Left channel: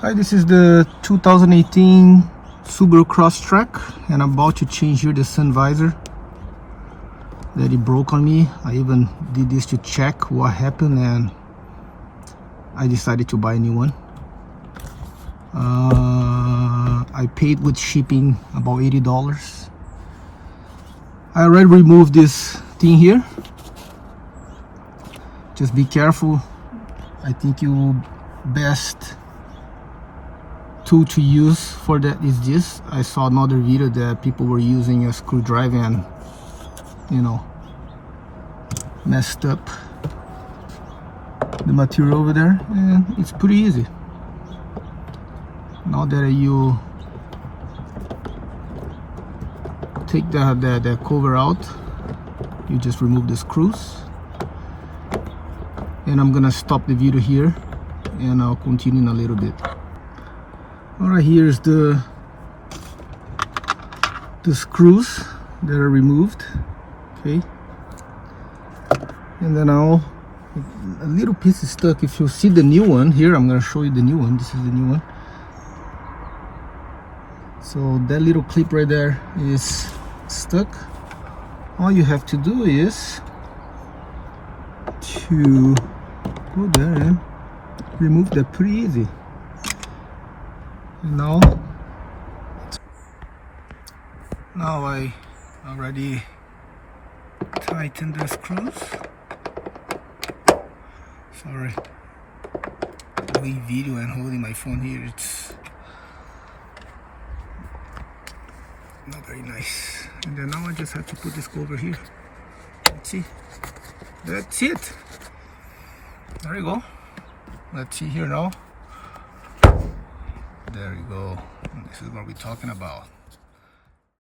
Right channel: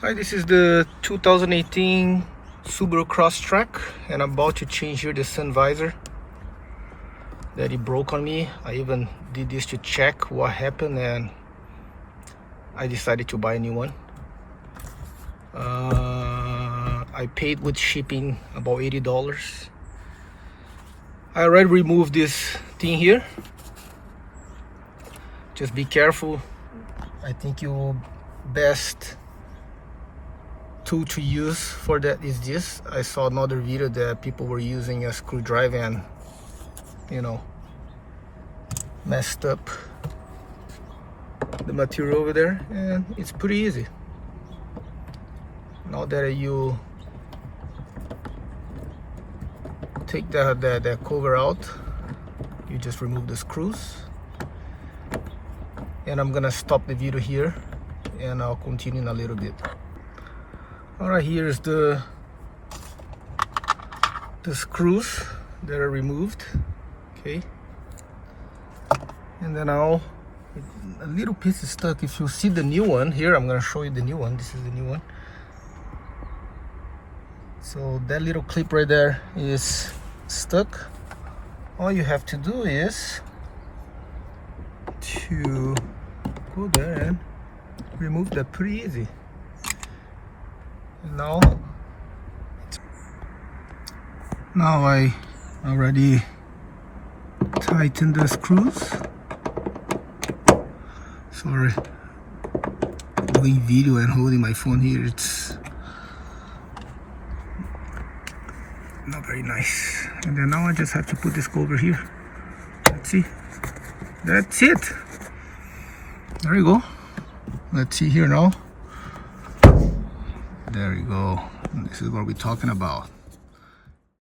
Hi, this is the 2018 Subaru Crosstrek, and I'm about to change here the sun visor that it broke on me. I even did this to check what happened, and I decided to buy a new one. I paid with shipping about $80. I already removed this thing here. Just be careful. I think you best tool to use for that is this. I saw another video that people were using a screwdriver and, you know, messed up the material over there, and it's pretty easy. Now that you take the cover out, you just remove the screws, and I'm gonna stop the video here and I'll continue in a little bit. Alright, here's the screws that are removed, okay, and then now a little piece is stuck. If you see the new one here, I'm gonna show you the new one. This is the new one. So that little clip right there is stuck. All you have to do is to go there and remove that. Pretty easy. And now I already tightened the screws. Sorry, doing video and holding my phone here, it's not very nice. And then now I just have to put this cover here. Let's see. That's it. There you go. Let's see here now. There you go. This is what we're talking about.